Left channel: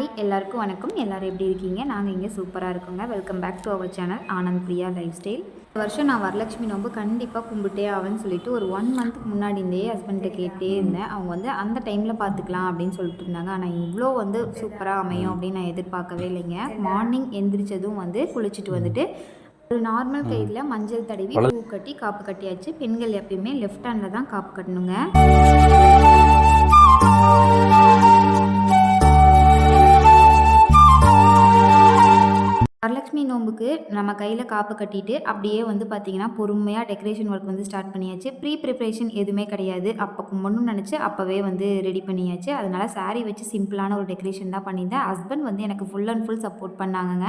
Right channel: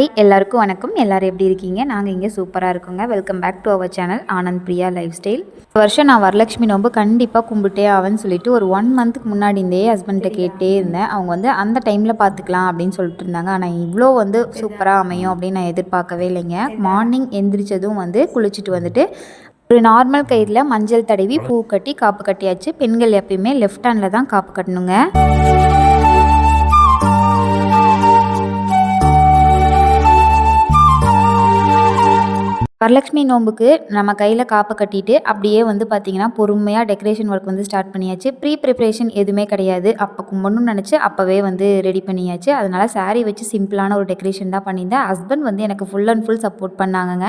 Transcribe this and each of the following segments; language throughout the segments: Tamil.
ஹாய் எல்லாருக்கும் வணக்கம். எல்லோரும் எப்படி இருக்கீங்க? நாங்கள் இங்கே சூப்பராக இருக்கோங்க. Welcome back to our channel Anand Priya lifestyle. இந்த வருஷம் நான் வரலட்சுமி நோம்பு கண்டிப்பாக கும்பிட்டே ஆவேன்னு சொல்லிட்டு ஒரு 1 மந்த்துக்கு முன்னாடி இருந்தே ஹஸ்பண்ட்டை கேட்டே இருந்தேன். அவங்க அந்த டைமில் பார்த்துக்கலாம் அப்படின்னு சொல்லிட்டு இருந்தாங்க. ஆனால் இவ்வளோ சூப்பராக அமையும் அப்படின்னு நான் எதிர்பார்க்கவே இல்லைங்க. மார்னிங் எந்திரிச்சதும் குளிச்சுட்டு வந்துட்டு ஒரு நார்மல் கயிறில் மஞ்சள் தடவி பூ கட்டி காப்பு கட்டியாச்சு. பெண்கள் எப்பயுமே லெஃப்ட் ஹேண்டில் தான் காப்பு கட்டணுங்க. வரலட்சுமி நோம்புக்கு நம்ம கையில் காப்பை கட்டிட்டு அப்படியே பார்த்திங்கன்னா பொறுமையாக டெக்கரேஷன் ஒர்க் ஸ்டார்ட் பண்ணியாச்சு. ப்ரிப்ரேஷன் எதுவுமே கிடையாது. அப்போ கும்பிடணும்னு நினச்சி அப்போவே ரெடி பண்ணியாச்சு. அதனால் சாரீ வச்சு சிம்பிளான ஒரு டெக்கரேஷன் தான் பண்ணியிருந்தேன். ஹஸ்பண்ட் எனக்கு ஃபுல் அண்ட் ஃபுல் சப்போர்ட் பண்ணாங்கங்க.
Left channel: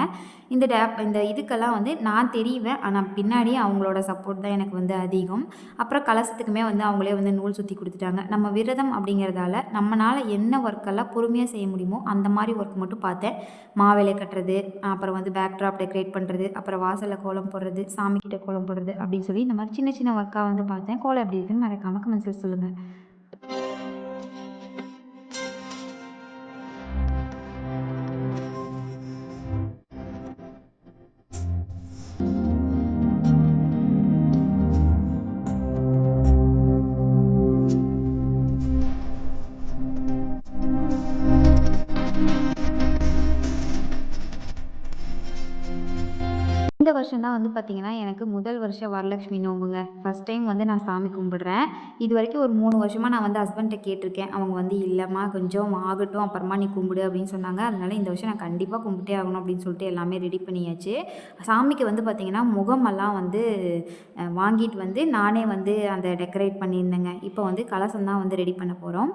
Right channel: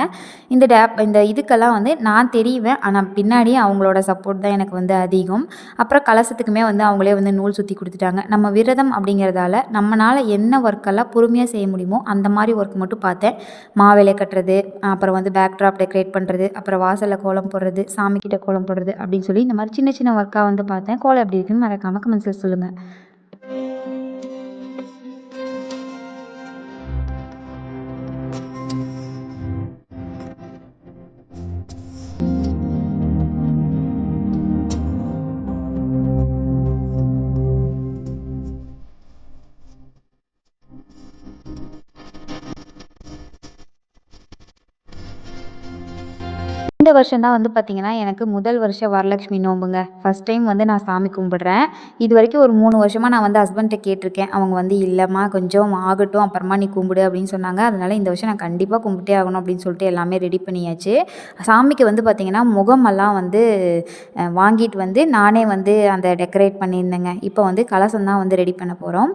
இந்த இதுக்கெல்லாம் நான் தெரிவேன், ஆனால் பின்னாடியே அவங்களோட சப்போர்ட் தான் எனக்கு அதிகம். அப்புறம் கலசத்துக்குமே அவங்களே நூல் சுற்றி கொடுத்துட்டாங்க. நம்ம விரதம் அப்படிங்கிறதால நம்மளால் என்ன ஒர்க்கெல்லாம் பொறுமையாக செய்ய முடியுமோ அந்த மாதிரி ஒர்க் மட்டும் பார்த்தேன். மாவேலை கட்டுறது, அப்புறம் பேக்ட்ராப் டெக்கரேட் பண்ணுறது, அப்புறம் வாசலில் கோலம் போடுறது, சாமிக்கிட்ட கோலம் போடுறது அப்படின்னு சொல்லி இந்த மாதிரி சின்ன சின்ன ஒர்க்காக பார்த்தேன். கோலம் எப்படி இருக்குன்னு மறக்காமல் கமெண்ட்ஸில் சொல்லுங்கள். இந்த வருஷம் தான் பார்த்திங்கன்னா எனக்கு முதல் வருஷம் வரலட்சுமி நோம்புங்க. ஃபஸ்ட் டைம் நான் சாமி கும்பிடுறேன். இது வரைக்கும் ஒரு 3 வருஷமாக நான் ஹஸ்பண்ட்டை கேட்டிருக்கேன். அவங்க இல்லைம்மா கொஞ்சம் ஆகட்டும் அப்புறமா நீ கும்பிடு அப்படின்னு சொன்னாங்க. அதனால் இந்த வருஷம் நான் கண்டிப்பாக கும்பிட்டே ஆகணும் அப்படின்னு சொல்லிட்டு எல்லாமே ரெடி பண்ணியாச்சு. சாமிக்கு பார்த்திங்கன்னா முகமெல்லாம் வாங்கிட்டு நானே அந்த டெக்கரேட் பண்ணியிருந்தேங்க. இப்போ கலசம் தான் ரெடி பண்ண போகிறோம்.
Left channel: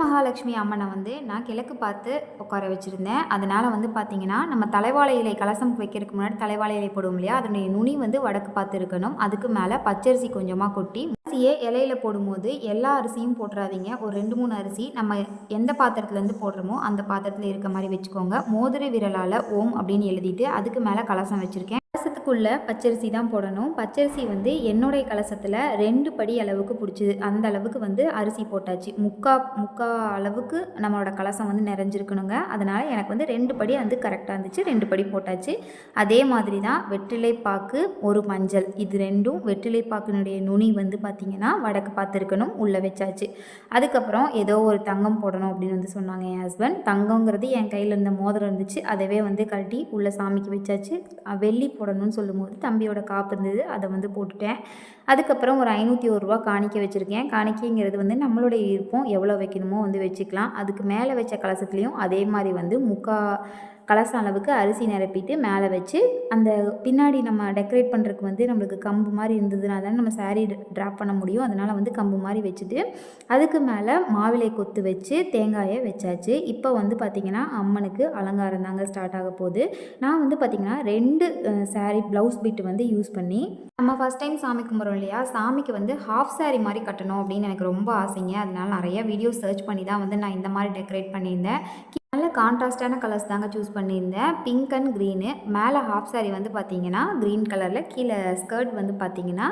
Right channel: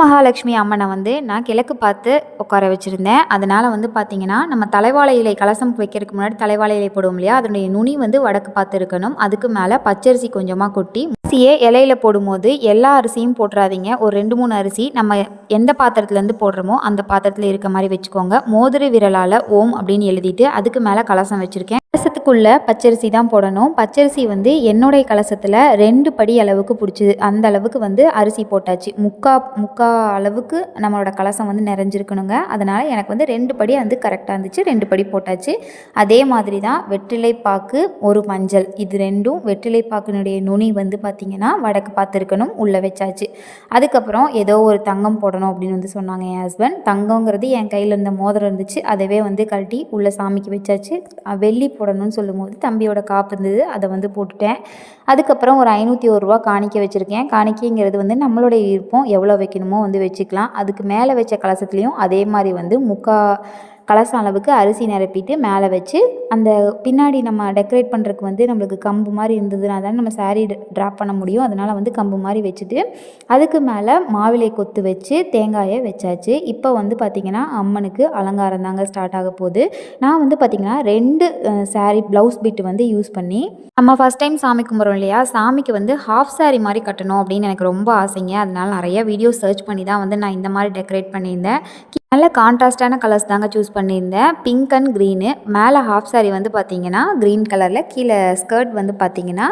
மகாலட்சுமி அம்மனை நான் கிழக்கு பார்த்து உட்கார வச்சுருந்தேன். அதனால் பார்த்திங்கன்னா நம்ம தலைவாழை இலை கலசம் வைக்கிறதுக்கு முன்னாடி தலைவாழை இலை போடுவோம் இல்லையா, அதனுடைய நுனி வடக்கு பார்த்து இருக்கணும். அதுக்கு மேலே பச்சரிசி கொஞ்சமாக கொட்டி அரிசியை இலையில போடும்போது எல்லா அரிசியும் போட்டுறாதீங்க. ஒரு 2-3 அரிசி நம்ம எந்த பாத்திரத்துலேருந்து போடுறோமோ அந்த பாத்திரத்தில் இருக்க மாதிரி வச்சுக்கோங்க. மோதிர விரலால் ஓம் அப்படின்னு எழுதிட்டு அதுக்கு மேலே கலசம் வச்சுருக்கேன். கலசத்துக்குள்ளே பச்சரிசி தான் போடணும். பச்சரிசி என்னுடைய கலசத்தில் 2 படி அளவுக்கு பிடிச்சிது. அந்த அளவுக்கு அரிசி போட்டாச்சு. முக்கா அளவுக்கு நம்மளோட கலசம் நிறைஞ்சிருக்கணுங்க. அதனால் எனக்கு 2 படி கரெக்டாக இருந்துச்சு. 2 படி போட்டாச்சு. அதே மாதிரி தான் வெற்றிலைப்பாக்கு, ஒரு மஞ்சள், இது ரெண்டும் வெற்றிலைப்பாக்கினுடைய நுனி பார்த்திங்கன்னா வடக்கு பார்த்துருக்கணும். உள்ளே வச்சாச்சு. அதுக்கப்புறம் ஏதோ ஒரு தங்கம் போடணும் அப்படின்னு சொன்னாங்க என் ஹஸ்பண்ட். தங்கங்கிறது என் கையில் இருந்த மோதிரம் இருந்துச்சு. அதவே கழட்டி உள்ள சாமிக்கு வச்சாச்சு. வெள்ளி போடணும்னு சொல்லும்போது தம்பியோட காப்பு இருந்தது, அதை போட்டுட்டேன். அதுக்கப்புறம் ஒரு 501 ரூபா காணிக்க வச்சுருக்கேன். காணிக்கைங்கிறது நம்மளுடைய விருப்பம், எவ்வளோ வைக்கணுமோ வச்சுக்கலாம். அதுக்கு மேலே வச்ச கலசத்துலேயும் அதே மாதிரி முக்கா கலசம் அளவுக்கு அரிசி நிரப்பிட்டு மேலே வச்சு அந்த பின்னாடி நம்ம டெக்கரேட் பண்ணுறதுக்கு நம்மளுக்கு கம்பு மாதிரி இருந்ததுனா தான் நம்ம சாரீ ட்ராப் பண்ண முடியும். அதனால் கம்பு மாதிரி வச்சுட்டு அதுக்கு மேலே மாவிலை கொத்து வச்சு தேங்காயை வச்சாச்சு. இப்போ பார்த்திங்கன்னா அம்மனுக்கு அலங்காரம் தாங்க ஸ்டார்ட் ஆக போகுது. நான் பார்த்திங்கன்னா 2 சாரீ ப்ளவுஸ் பிட்டு யூஸ் பண்ணி நம்ம ஃபஸ்ட் டைம் சாமி கும்பிட்றோம் இல்லையா, சாமிக்கு ஹாஃப் சாரீ மாதிரி கட்டணும் அப்படின்னு எனக்கு ரொம்ப ஆசைங்க. அதனால் நிறைய வீடியோ சர்ச் பண்ணி தான் நான் இந்த மாதிரி டெக்கரேட் பண்ணியிருந்தேன். நல்ல கான்ட்ராஸ்டான கலர்ஸ் தாங்க சூஸ் பண்ணியிருந்தேன். Pink and green. மேலே ஹாஃப் சாரீ பார்த்திங்கன்னா க்ரீன் கலரில், கீழே ஸ்கர்ட் பார்த்திங்கன்னா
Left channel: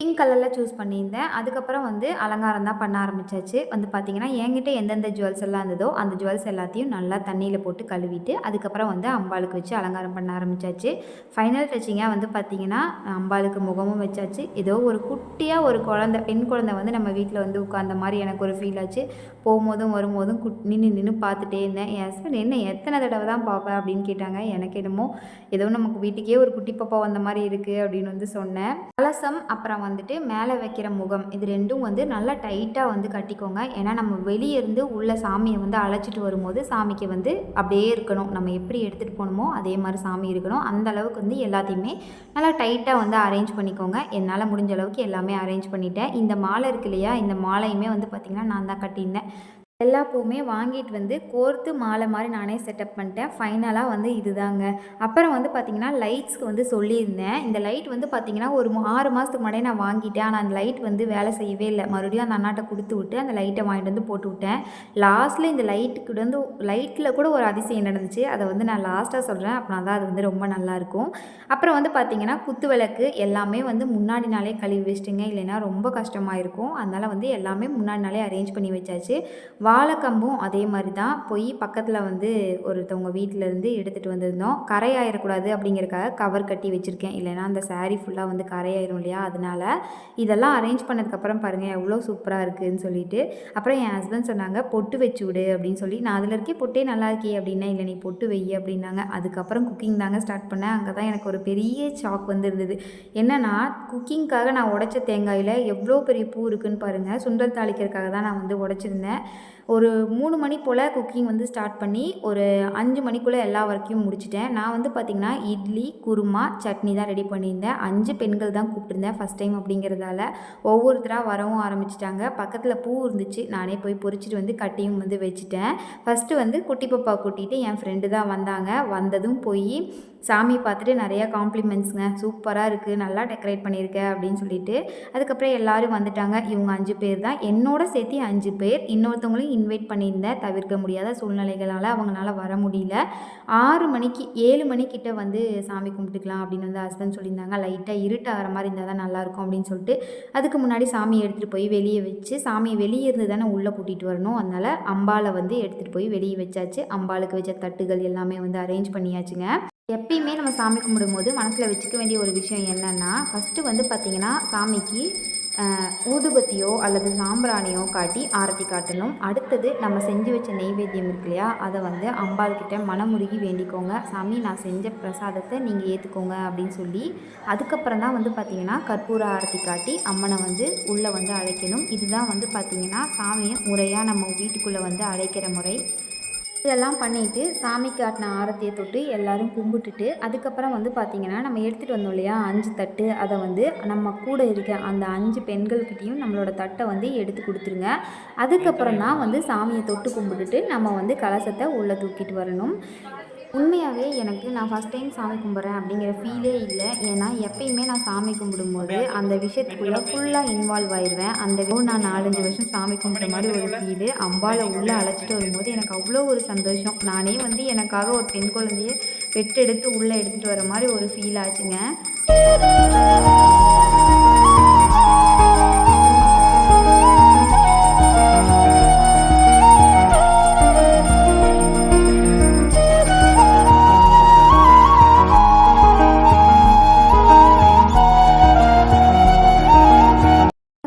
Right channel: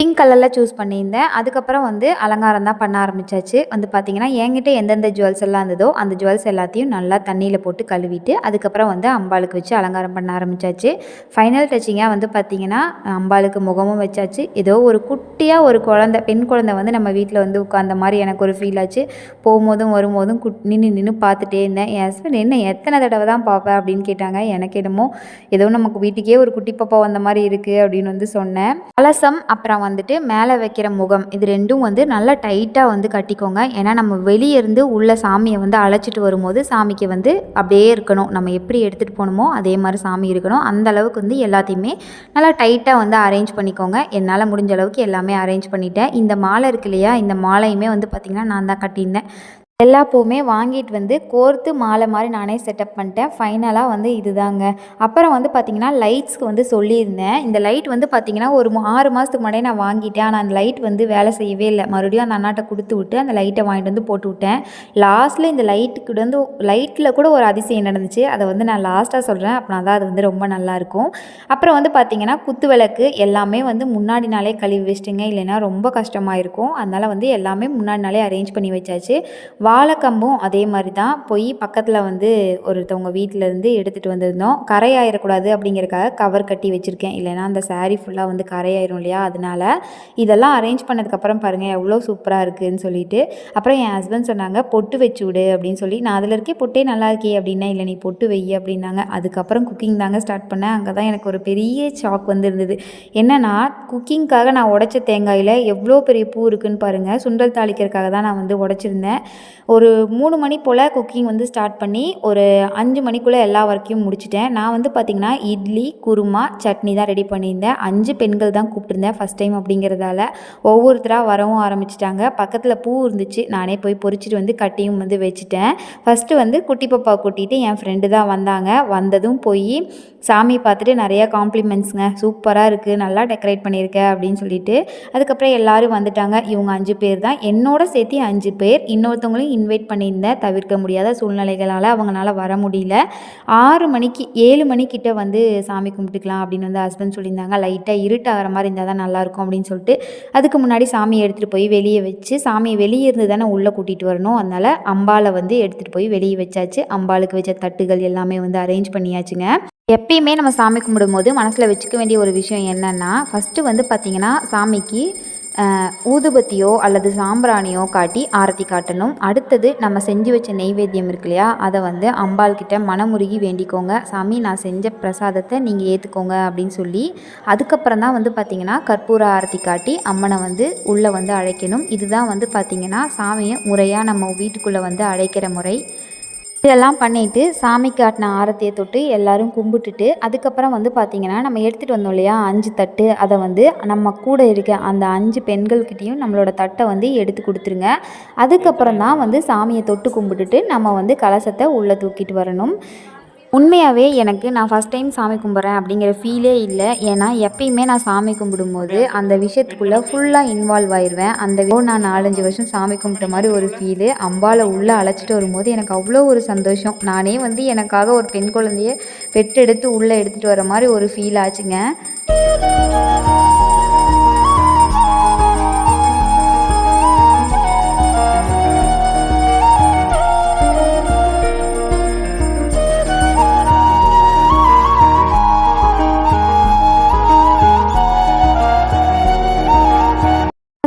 பிங்க் கலரில் சூஸ் பண்ணியிருந்தேன். அதுக்கப்புறம் அலங்காரம் தான் பண்ண ஆரம்பித்தாச்சு. பார்த்திங்கன்னா என்கிட்ட எந்தெந்த ஜுவல்ஸ் எல்லாம் இருந்ததோ அந்த ஜுவல்ஸ் எல்லாத்தையும் நல்லா தண்ணியில் போட்டு கழுவிட்டு அதுக்கப்புறம் அம்பாளுக்கு வச்சு அலங்காரம் பண்ண ஆரம்பித்தாச்சு. ஃபைனல் டச்சிங்காக பார்த்திங்கன்னா அம்பாளுக்கு முகமும் வச்சாச்சு. ஏதோ ஒரு குட்டியாக ஒரு குழந்தை, பெண் குழந்தை நம்ம வீட்டில் உட்கார்ந்த மாதிரி எனக்கு ஒரு ஃபீல் ஆச்சு. போகும்போதும் வரும்போதும் நின்று பார்த்துட்டே இருந்தேன். என் ஹஸ்பண்ட் என்ன எத்தனை தடவை தான் பார்ப்பேன் அப்படின்னு கேட்டாங்க. எனக்கு என்னமோ ஏதோ நமக்கு வீட்டுக்கே ஒரு குட்டி பாப்பா வந்த மாதிரி இருக்குது அப்படின்னு சொன்னேன். கலசம் அப்புறம் மேலே வைக்கிற முகம், இது ரெண்டும் நல்லா டைட்டாக கட்டிக்கோங்க. ஏன்னா நம்ம வெளியே இருந்து உள்ள சாமியை அழைச்சிட்டு வரும்போது சாமிக்கு அப்படியே இருக்கணும். நம்ம எப்படி எடுத்துகிட்டு போகணுமோ அதே மாதிரி சாமி இருக்கணும். அந்த அளவுக்கு எல்லாத்தையுமே நல்லா டைட்டாக அரேஞ்ச் பண்ணிக்கோங்க. என்னால் முடிஞ்ச அளவுக்கு எல்லாமே அரேஞ்ச் பண்ணிட்டேன். இந்த மாலை இருக்கு இல்லையா, இந்த மாலையுமே பார்த்திங்கன்னா நான் தான் கட்டியிருந்தேன். எல்லா பூவுமே வாங்கிட்டு கோர்த்து மாலை மாதிரி நானே செட்டப் பண்ணிட்டேன். ஃபைனலாக இது தாங்க. அப்புறம் பார்த்திங்கன்னா லைட்ஸ்க்கு சொல்லியிருந்தேன். இந்த லைட் பார்த்திங்கன்னா ஒரு 6 மாதத்துக்கு முன்னாடியே நான் வாங்கிட்டேன். ஆனால் அந்த லைட் வேலை செய்யவே இல்லை. மறுபடியும் அந்த அண்ணாட்ட கொடுத்து விட்டு அந்த லைட்டை வாங்கிட்டு போட்டு விட்டேன். லாஸ்ட்டில் இந்த லைட்டுக்கு லைட்டில் கூட ஒரு அதிசயம் நடந்துச்சு. அதை நான் லாஸ்ட்டாக சொல்கிறேன். அப்படின்னா தான் அது ரொம்ப நல்லாயிருக்கும். அப்புறம் பார்த்திங்கன்னா குத்து விளக்கு எல்லாமே முன்னாடி நாளே கழுவி வச்சிட்டுங்க. இல்லைன்னா ரொம்ப கஷ்டமாக இருக்கும். அதனால் எல்லாமே முன்னாடி நாளே அரேஞ்ச் பண்ணி வச்சாச்சு. வாழைக்கம்பும் அதே மாதிரி தான் போய் பக்கத்தில் வந்து ஒருத்தவங்க வீட்டிலேருந்து எடுத்துகிட்டு வந்திருந்தோம். கரை ஆயிடக்கூடாது அப்படிங்கிறக்காக கவர் கட்டி வச்சுருக்கேன், இல்லைனா அந்த சாரீ ஃபுல்லாக வந்து கரையாயிரும் இல்லையா, அதனால இதெல்லாம் அரேஞ்ச் பண்ணதுக்கப்புறம் பாருங்கள் எவ்வளோ சூப்பராக இருக்குதுன்னு சொல்லிட்டு. அப்புறம் என் ஹஸ்பண்ட் சொன்னாங்க பொட்டு வச்சு விடு அப்படின்னு சொல்லி. நான் அதில் இருக்கே பொட்டே நல்லா இருக்கே அப்படின்னா, இல்லை நீ பொட்டு வை அப்படின்னாங்க. அதுக்கப்புறம் குக்கிங் தாங்க ஸ்டார்ட் பண்ணேன். அங்கே தான் எனக்கு ஒரு பெரிய ஷாக் வந்து இருந்தது. என்னென்னா குக்கிங்காக நான் உடைச்ச தேங்காயில் எவ்வளோ பெரிய பூ இருக்குதுன்னு பாருங்கள். சுண்டல் தாளிக்கிறதுக்காக தான் நான் வந்து உடைச்சிருந்தேன். ஒரு 3 மணி போல் குக்கிங் வந்து ஸ்டார்ட் பண்ணி ஒரு 5 மணிக்குள்ளே எல்லா ஒர்க்கையும் முடிச்சிட்டேன். நான் வந்து பார்த்திங்கன்னா இட்லி, குருமா, சட்னி தான் ரெடி பண்ணியிருந்தேன். 5 பெண்கள் தான் கூப்பிட்டுருந்தேன் ஃபஸ்ட் டைம் அப்படிங்கிறதால. ஒவ்வொருத்தராக வரவும் ஆரம்பிச்சிட்டாங்க. பக்கத்தில் பூ இருந்துச்சு, நானே போய் பொறிச்சிட்டு வந்து கட்டியும் வந்து வச்சுட்டேன். ஃபஸ்ட்டு வந்து குட்டி பாப்பா கூட்டிகிட்டு என் ஃப்ரெண்டு தான் வந்தாங்க. வந்ததும் போய் சாமி பார்த்துட்டு நிறையா காம்ப்ளிமெண்ட்ஸுங்க, சூப்பராக இருக்குது, நல்லா டெக்கரேட் பண்ணியிருக்க அப்படின்னு சொல்லிட்டு. அதுக்கப்புறம் எல்லோரும் வந்துட்டாங்க. இவங்க 5 பேர் தான், என்னோட சேர்த்து 5 பேர். இன்னொருத்தவங்களையும் இன்வைட் பண்ணியிருந்தேன், தவிர்க்க முடியாத சூழ்நிலைகளால் அவங்களால வர முடியல. 6 மணிக்கு 7 மணிக்கிட்ட வந்து சாமி கும்பிட்டுக்கலாம் அப்படின்னு வந்து ஹஸ்பண்ட் சொல்லியிருந்தாங்க. லைட்டாக இருட்டாகிற மாதிரி இருந்தால் தான் நல்லாயிருக்கும் அப்படின்னு சொல்லிட்டு. அதுக்கு முன்னாடி சாமியை எடுத்துகிட்டு போய் வெளியே வச்சு, சாமியை வெளியே இருந்து தானே உள்ளே கூட்டிகிட்டு வரணும், அதனால் அம்பாலை வந்து எடுத்துகிட்டு போய் வெளியே வச்சாச்சு. அம்பாளுக்கு வச்ச தட்டுகள் எல்லாமே வந்து அரேஞ்ச் பண்ணியாச்சுங்க. எப்பயுமே நம்ம சாமி கும்பிடும்போது மனசில் வச்சுக்க வேண்டிய ஒரு விஷயம் என்னென்னா, ஃபஸ்ட்டு வந்து பார்த்திங்கன்னா சாமிக்கு ஊதுபத்தியோ அல்லது சாம்பிராணியோ காட்டி ஆரத்தி காட்டணும். அடுத்தது நம்ம செஞ்சு வச்ச நெய்வேத்தியம் இருக்கு இல்லையா, அதை வந்து அம்பாள்கிட்ட மனமுருகி வேண்டிக்கோங்க. சாமி நான் செஞ்ச பிரசாதத்தை நீங்கள் ஏற்றுக்கோங்க அப்படின்னு சொல்லி. அதுக்கப்புறம் தான் வந்து பார்த்திங்கன்னா கற்பூர ஆரத்தி காட்டி அம்மனை வந்து உள்ளே வந்து அழைக்கணும். இதுதான் வந்து பார்த்திங்கன்னா சாமியை முறையாக நம்ம வீட்டுக்குள்ளே வந்து அழைக்கிற முறை. இதெல்லாம் பண்ணிவிட்டு சாமி காட்டின ஆரத்தியை தொட்டு எல்லோரும் கும்பிட்டுட்டு, அதுக்கப்புறம் வந்து பார்த்திங்கன்னா நம்ம எடுத்துகிட்டு வந்தோம் இல்லையா 5 தட்டு, அதை வந்து நம்ம கூட இருக்க அந்த 5 பெண்கள்கிட்டையும் நம்மளோட தட்டை வந்து எடுத்து கொடுத்துருங்க. அதுக்கப்புறம் தான் வந்து சாமியை தொட்டு கும்பிட்டுட்டு நம்ம வந்து கலசத்தை உள்ளே தூக்கிட்டு வரணும். உண்மையாகவே எனக்கு நான் ஃபஸ்ட் டைம் சாமி கும்பிட்றேன் அப்படிங்கிற ஃபீலே இல்லை. ஏன்னா எப்பயுமே நான் சாமி கும்பிடும்போது அந்த விஷயத்துக்குள்ளே ஃபுல்லாக இன்வால்வ் ஆயிடுவேன். நான் 4-5 வருஷம் சாமி கும்பிட்ட மாதிரி ஒரு ஃபீலு. அம்பாவை உள்ளே அழைச்சிட்டு வரும்போது எனக்கு அவ்வளோ ஒரு சந்தோஷம். நானே வந்து எனக்காக ஒரு பெண் குழந்தைய பெற்றெடுத்து உள்ளே எடுத்துகிட்டு வர மாதிரி ஒரு ஃபீல் ஆச்சுங்க.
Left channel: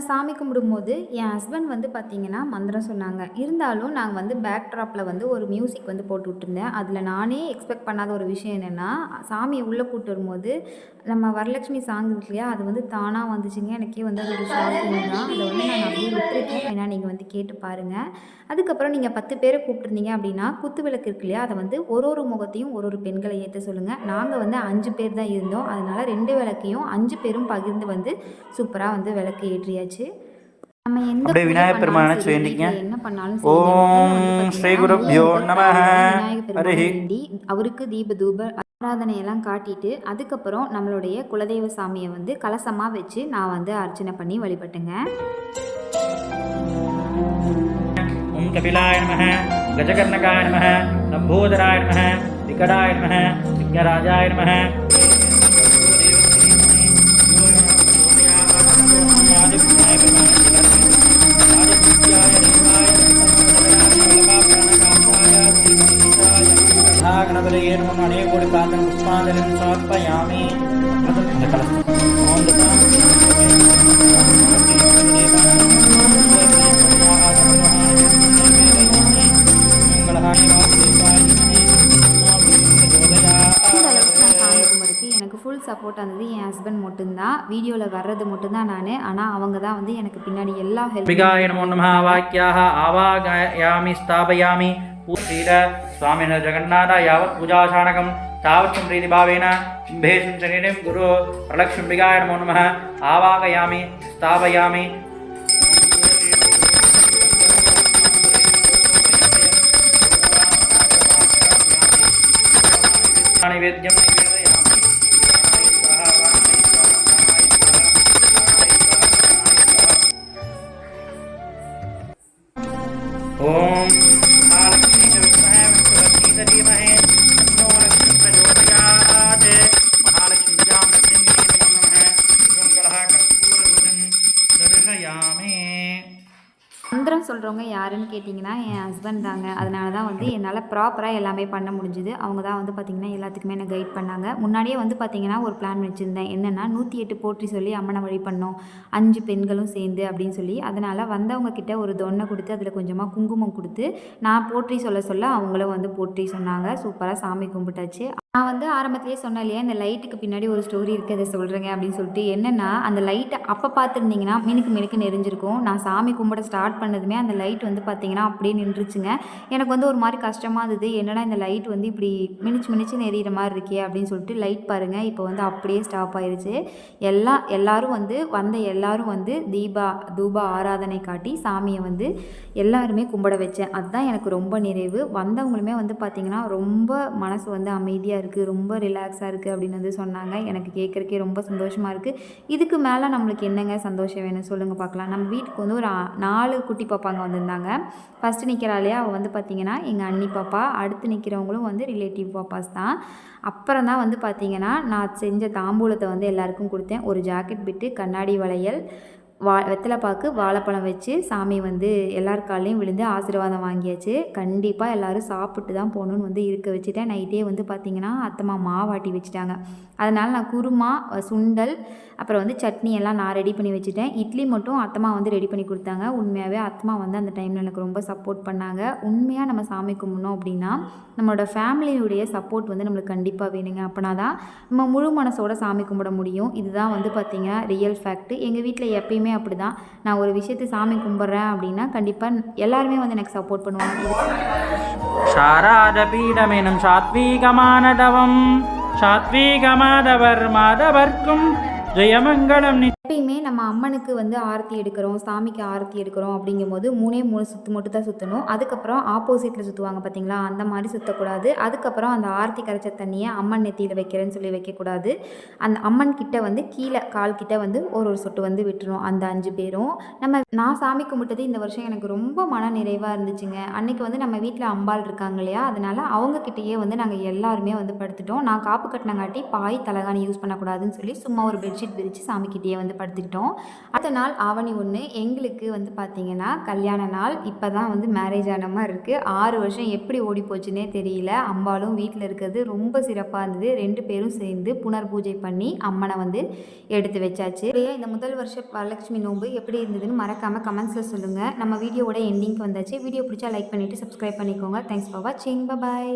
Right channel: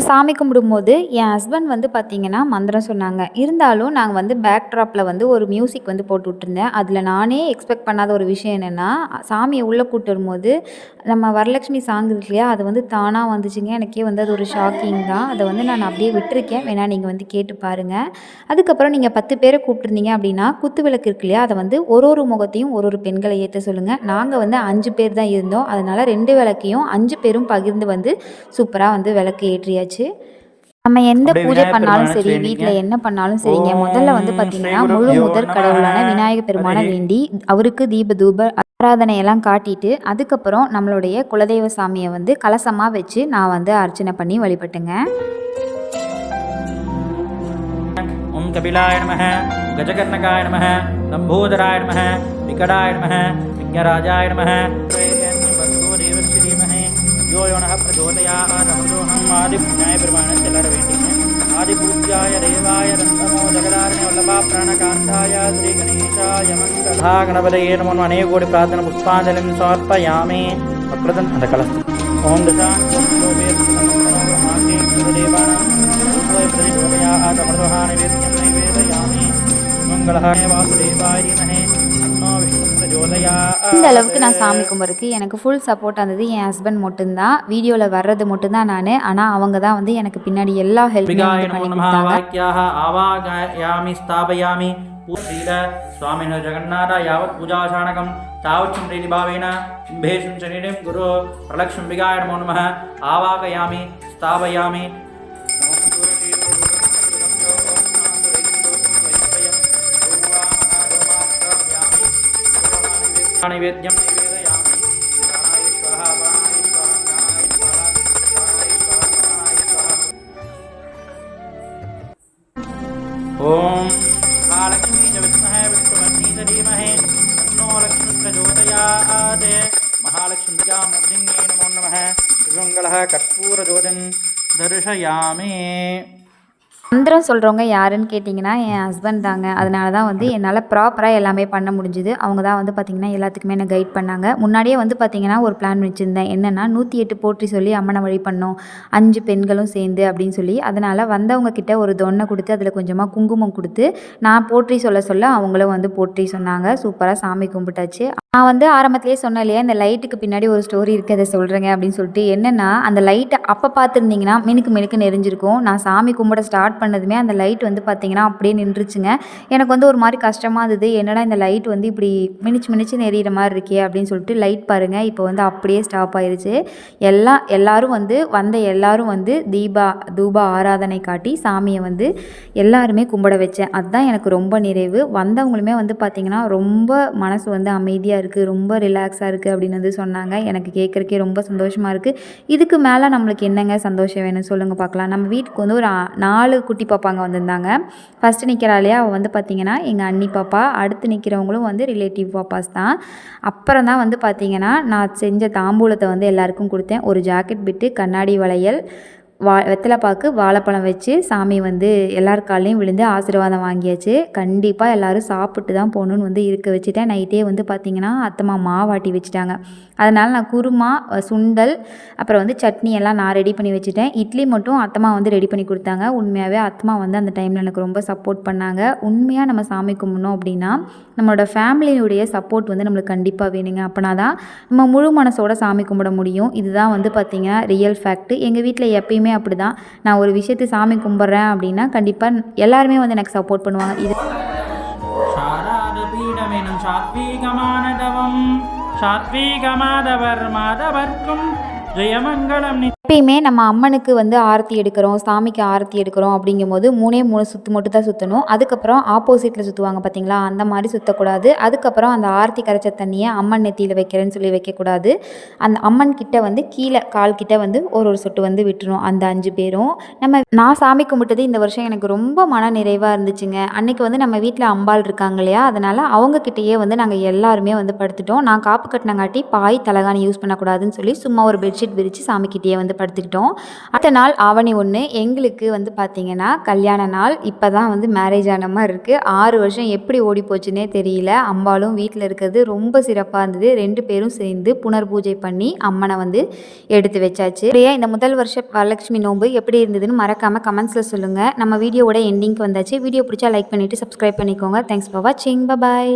சாமி கும்பிடும்போது என் ஹஸ்பண்ட் வந்து பார்த்திங்கன்னா மந்திரம் சொன்னாங்க. இருந்தாலும் நாங்கள் வந்து பேக் ட்ராப்பில் வந்து ஒரு மியூசிக் வந்து போட்டு விட்டுருந்தேன். அதில் நானே எக்ஸ்பெக்ட் பண்ணாத ஒரு விஷயம் என்னென்னா, சாமியை உள்ளே கூட்டு வரும்போது நம்ம வரலட்சுமி சாங் இருக்கு இல்லையா, அது வந்து தானாக வந்துச்சுங்க. எனக்கே வந்து அது ஒரு ஷாக்கிங் தான். அதை வந்து நான் அப்படியே விட்டுருக்கேன், வேணால் நீங்கள் வந்து கேட்டு பாருங்கள். அதுக்கப்புறம் நீங்கள் 10 பேரை கூப்பிட்டுருந்தீங்க அப்படின்னா குத்து விளக்கு இருக்கு இல்லையா, அதை வந்து ஒரு முகத்தையும் ஒரு பெண்களை ஏற்ற சொல்லுங்கள். நாங்கள் வந்து 5 பேர் தான் இருந்தோம், அதனால் 2 விளக்கையும் 5 பேரும் பகிர்ந்து வந்து சூப்பராக வந்து விளக்கு ஏற்றியாச்சு. நம்ம எந்த பூஜை பண்ணாலும் சரி, வீட்டில் என்ன பண்ணாலும் சரிங்க, முதல்ல வந்து பார்த்தீங்கன்னா முழு முதற் கடவுளான விநாயகர் பெருமானை வேண்டி அவருக்கு தீப தூப ஆராதனையெல்லாம் காட்டிட்டு, அதுக்கப்புறம் நம்மளுடைய குலதெய்வ சாமியை வந்து கலசமாக வச்சு நான் வந்து அர்ச்சனை பண்ணி வழிபட்டுங்க. ஓம் கபிலாய நமஹ, கஜகர்ணகாய நமஹ, லம்போதராய நமஹ, விகடாய நமஹ, விக்னராஜாய நமஹ. गणपतये नमो अनेक कोटि प्रार्थना पुष्पांजलिं समर्पयामि. அந்த கலசம் ஓம் இந்த அளவுக்கு நான் சாமி கும்பிட்றதுக்கு எனக்கு ஃபுல் சப்போர்ட் இருந்தது என் ஹஸ்பண்ட் மட்டும்தான். வீடியோவில் வர்றது மட்டும்தான் நான், ஆனால் அவங்க தான் வந்து எனக்கு பின்னாடி எல்லா ஆவாகயாமி ஸ்தாபயாமி பூர்ணீர சுவாமின ஜெகநாத யாவத் பூஜாசானகம் தாவச்சும் பிரீதிபாவேன கும்பேஷும் சனிடம் குரு பிரலக்ஷ்மிகாய நமோ நமः ஆவாகயாமி ஸ்தாபயாமி. नैवेद्यं निवेदयामि. प्राणाय स्वाहा वाणाय स्वाहा ज्ञानाय स्वाहा प्राणाय स्वाहा प्राणाय स्वाहा. ओम महालक्ष्मी च विद्महे विष्णुपत्नी च धीमहि तन्नो लक्ष्मी प्रचोदयात्. महालक्ष्मीजां बुद्धिन्यै नमो नमः. सुमङ्गलः कर्पूरदूतं दर्शयामि. மந்திரம் சொல்கிறவங்க யாருன்னு கேட்டிங்கன்னா என் ஹஸ்பண்ட் தாங்க. அதனால தான் வந்து என்னால் ப்ராப்பராக எல்லாமே பண்ண முடிஞ்சுது. அவங்க தான் வந்து பார்த்திங்கன்னா எல்லாத்துக்குமே என்ன கைட் பண்ணாங்க. முன்னாடியே வந்து பார்த்திங்கன்னா ஒரு பிளான் வச்சுருந்தேன். என்னென்னா 108 போற்றி சொல்லி அம்மனை வழி பண்ணோம் 5 பெண்களும் சேர்ந்து அப்படின்னு சொல்லி. அதனால் வந்தவங்க கிட்ட ஒரு தொன்னை கொடுத்து அதில் கொஞ்சமாக குங்குமம் கொடுத்து நான் போற்றி சொல்ல அவங்களும் வந்து போற்றி சொன்னாங்க. சூப்பராக சாமி கும்பிட்டாச்சு. நான் வந்து ஆரம்பத்திலேயே சொன்னேன் இல்லையா, இந்த லைட்டுக்கு பின்னாடி ஒரு ஸ்டோரி இருக்குது, அதை சொல்கிறேங்க அப்படின்னு சொல்லிட்டு. என்னென்னா அந்த லைட்டை அப்போ பார்த்துருந்தீங்கன்னா மினுக்கு மினுக்குன்னு எரிஞ்சிருக்கும். நான் சாமி கும்பிட ஸ்டார்ட் பண்ணதுமே அந்த லைட் வந்து பார்த்திங்கன்னா அப்படியே நின்றுச்சுங்க. எனக்கு வந்து ஒரு மாதிரி கஷ்டமாக இருந்தது. என்னடா இந்த லைட் வந்து இப்படி மினிச்சுன்னு எரியிற மாதிரி இருக்கே அப்படின்னு சொல்லிட்டு லைட் பாருங்கள் இப்போ வந்து அப்படியே ஸ்டாப் ஆயிடுச்சு. எல்லாரும் வந்து தூப ஆராதனை காட்டி சாமியை வந்து எல்லாருமே கும்பிட வச்சேன். அதுதான் எனக்கு ரொம்ப நிறைவு. வந்தவங்களுமே வந்து பார்த்திங்கன்னா ரொம்ப மனசு வந்து அமைதியாக இருக்குது, ரொம்ப ரிலாக்ஸாக இருக்குது அப்படின்னு வந்து சொன்னாங்க. எனக்கு கேட்குறக்கே ரொம்ப சந்தோஷமாக இருக்குது. இதுக்கு மேலே நம்மளுக்கு என்னங்க சந்தோஷம் வேணும் சொல்லுங்கள் பார்க்கலாம். நம்ம வீட்டுக்கு வந்து ஒரு 4 குட்டி பாப்பாங்க வந்திருந்தாங்க. ஃபஸ்ட்டு நிற்கிறாளையா அவள் வந்து பார்த்திங்கன்னா எங்கள் அண்ணி பாப்பா. அடுத்து நிற்கிறவங்களும் வந்து ரிலேட்டிவ் பாப்பாஸ் தான். அப்புறம் தான் வந்து பார்த்திங்கன்னா நான் செஞ்ச தாம்பூலத்தை வந்து எல்லாருக்கும் கொடுத்தேன். ஒரு ஜாக்கெட் பிட்டு, கண்ணாடி வளையல், வெத்தலைப்பாக்கு, வாழைப்பழம் வச்சு சாமி வந்து எல்லார் காலையும் விழுந்து ஆசீர்வாதம் வாங்கியாச்சு. கண்டிப்பாக எல்லோரும் சாப்பிட்டு தான் போகணுன்னு வந்து இருக்க வச்சுட்டேன். நைட்டே வந்து பார்த்திங்கன்னா அத்தம்மா மாவாட்டி வச்சுட்டாங்க. அதனால் நான் குருமா, சுண்டல், அப்புறம் வந்து சட்னி எல்லாம் நான் ரெடி பண்ணி வச்சுட்டேன். இட்லி மட்டும் அத்தம்மா வந்து ரெடி பண்ணி கொடுத்தாங்க. உண்மையாகவே அத்தம்மா வந்து அந்த டைமில் எனக்கு ரொம்ப சப்போர்ட் பண்ணாங்க. உண்மையாக நம்ம சாமி கும்பிடணும் அப்படின்னா நம்மளோட ஃபேமிலியுடைய சப்போர்ட் வந்து நம்மளுக்கு கண்டிப்பாக வேணுங்க. அப்போனா தான் நம்ம முழு மனசோட சாமி கும்பிட முடியும். இதுதான் வந்து பார்த்திங்கன்னா ரியல் ஃபேக்ட்டு. எங்கள் வீட்டில் எப்பயுமே அப்படி தான். நான் ஒரு விஷயத்தை சாமி கும்பிட்றேன் அப்படின்னா கண்டிப்பாக எல்லாருமே வந்து எனக்கு சப்போர்ட் பண்ணுவாங்க. இது ஷாராதபீடமெனும் சாத்வீகமானதவம் சாத்வீகமாதவர் மாதவர்க்கும் ஜெயமங்கலம். எப்பயுமே நம்ம அம்மனுக்கு வந்து ஆரத்தி எடுக்கிறோம், சாமிக்கு ஆரத்தி எடுக்கிறோம் அப்படிங்கும்போது 3 சுற்று மட்டும் தான் சுற்றணும். அதுக்கப்புறம் ஆப்போசிட்டில் சுற்றுவாங்க பார்த்தீங்களா, அந்த மாதிரி சுற்றக்கூடாது. அதுக்கப்புறம் அந்த ஆரத்தி கரைச்ச தண்ணியை அம்மன் நெத்தியில் வைக்கிறேன்னு சொல்லி வைக்கக்கூடாது. அந்த அம்மன் கிட்ட வந்து கீழே கால் கிட்ட வந்து ஒரு சொட்டு வந்து விட்டுரும் அந்த 5 பேரும். நான் சாமி கும்பிட்டது இந்த வருஷம் எனக்கு ரொம்ப மன நிறைவாக இருந்துச்சுங்க. அன்றைக்கி வந்து நம்ம வீட்டில் அம்பாள் இருக்காங்க இல்லையா, அதனால் அவங்கக்கிட்டேயே வந்து நாங்கள் எல்லாருமே வந்து படுத்துட்டோம். நான் காப்பு கட்டினங்காட்டி பாய் தலகாணி யூஸ் பண்ணக்கூடாதுன்னு சொல்லி சும்மா ஒரு பெட்ஷீட் விரித்து சாமிக்கிட்டேயே வந்து படுத்துக்கிட்டோம். அடுத்த நாள் ஆவணி 1 எங்களுக்கு வந்து பார்த்திங்கன்னா கல்யாண நாள். இப்போ தான் வந்து மேரேஜ் ஆன மாதிரி இருக்குது. 6 வருஷம் எப்படி ஓடி போச்சுன்னே தெரியல. அம்பாலும் வீட்டில் இருக்கிறது ரொம்ப சிறப்பாக இருந்தது. 2 பேரும் சேர்ந்து புனர் பூஜை பண்ணி அம்மனை வந்து எடுத்து வச்சாச்சு. இந்த முதல் வருஷ வரலட்சுமி நோன்பு எப்படி இருந்ததுன்னு மறக்காமல் கமெண்ட்ஸில் சொல்லுங்கள். நம்ம வீடியோவோட எண்டிங்க்கு வந்தாச்சு. வீடியோ பிடிச்சா லைக் பண்ணிவிட்டு சப்ஸ்கிரைப் பண்ணிக்கோங்க. தேங்க்ஸ் ஃபார் வாட்சிங். பை.